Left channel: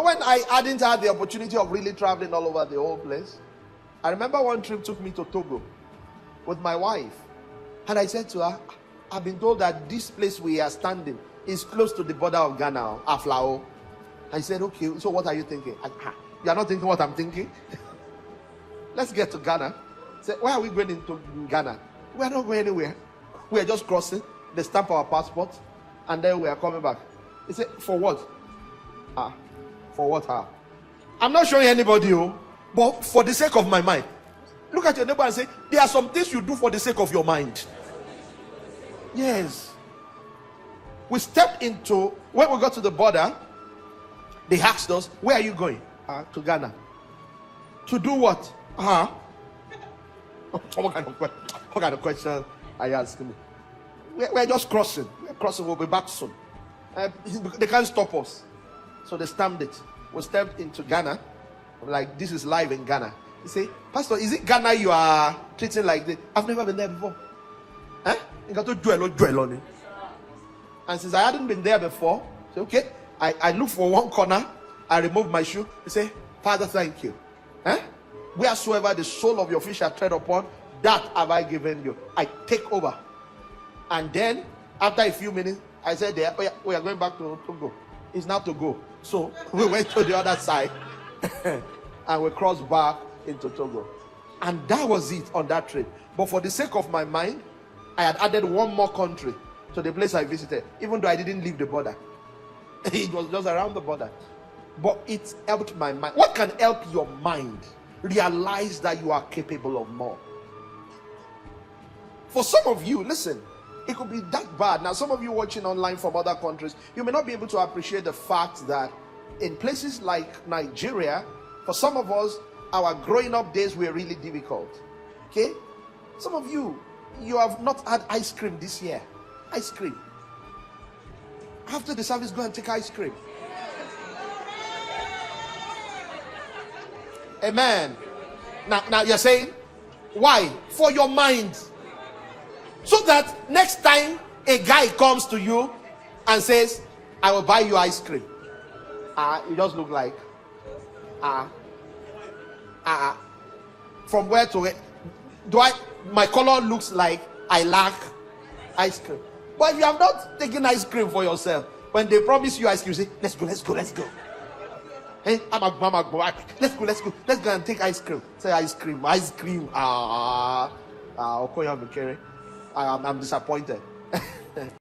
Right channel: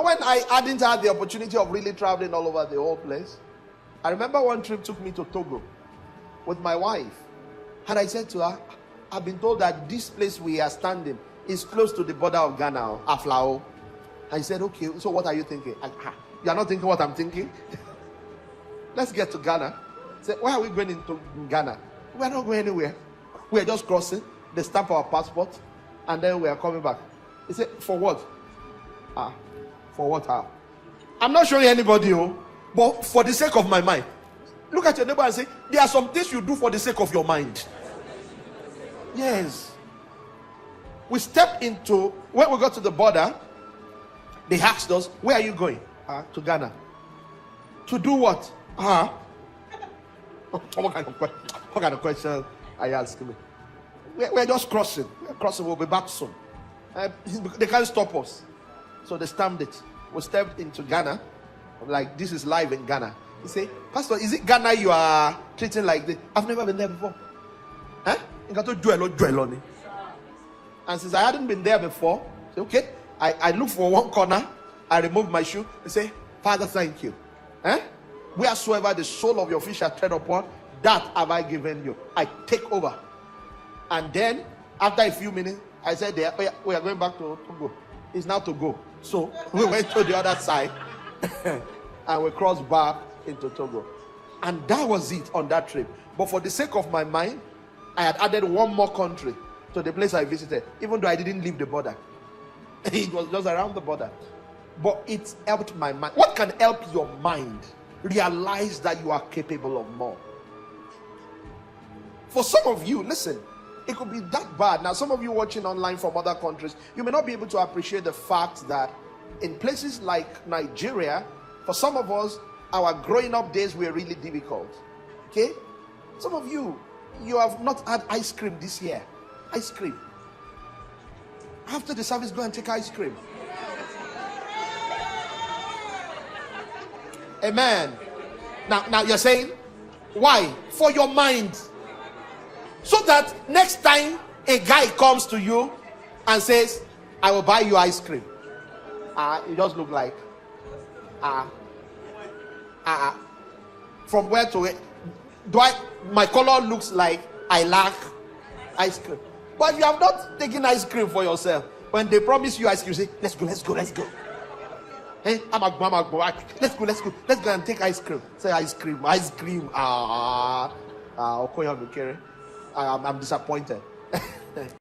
When I didn't have the opportunity of really traveling all over the whole place, I remember one trip took me to Togo with my wife. And I said to her, I've been told that this place we are standing is close to the border of Ghana, Aflao. I said, okay, so what are you thinking? You are not thinking what I'm thinking? Let's get to Ghana. I said, why are we going into Ghana? We are not going anywhere. We are just crossing. They stamp our passport, and then we are coming back. He said, for what? For what? I'm not showing anybody, but for the sake of my mind. Look at your neighbor and say, there are some things you do for the sake of your mind. Yes. We stepped into, when we got to the border, they asked us, where are you going? To Ghana. To do what? What kind of question are you asking me? We're just crossing. We're crossing. We'll be back soon. They can't stop us. So they stamped it. We stepped into Ghana. Like, this is live in Ghana. He said, Pastor, is it Ghana you are treating like this? I've never been there before. You got to dwell on it. And since I hadn't been there before, I said, okay. I look for one corner. I remove my shoe. He said, Father, thank you. Wheresoever the sole of your feet shall tread upon, that have I given you. I take over. And then, after a few minutes, I said, we are going back to Togo. It's not to go. So we went to the other side and we crossed back into Togo. And that was it on that trip. But for the sake of my mind, I had added one more country to the place I visited, even though I didn't leave the border. It was just around the border. But it helped my mind. What can help your mind realize that you are capable of more? For some of you, listen, it could be that bad. Now, some of you watching online from other countries, you may not be able to appreciate the fact that in places like Nigeria, for some of us, our growing up days were really difficult. Okay? Some of you, you have not had ice cream this year. Ice cream. After the service, go and take ice cream. Amen. Now you're saying, why? For your mind. So that next time a guy comes to you and says, I will buy you ice cream. You just look like, from where to where? My color looks like I lack ice cream. But you have not taken ice cream for yourself. When they promise you ice cream, you say, let's go. Hey, let's go and take ice cream. Say ice cream. I'm disappointed.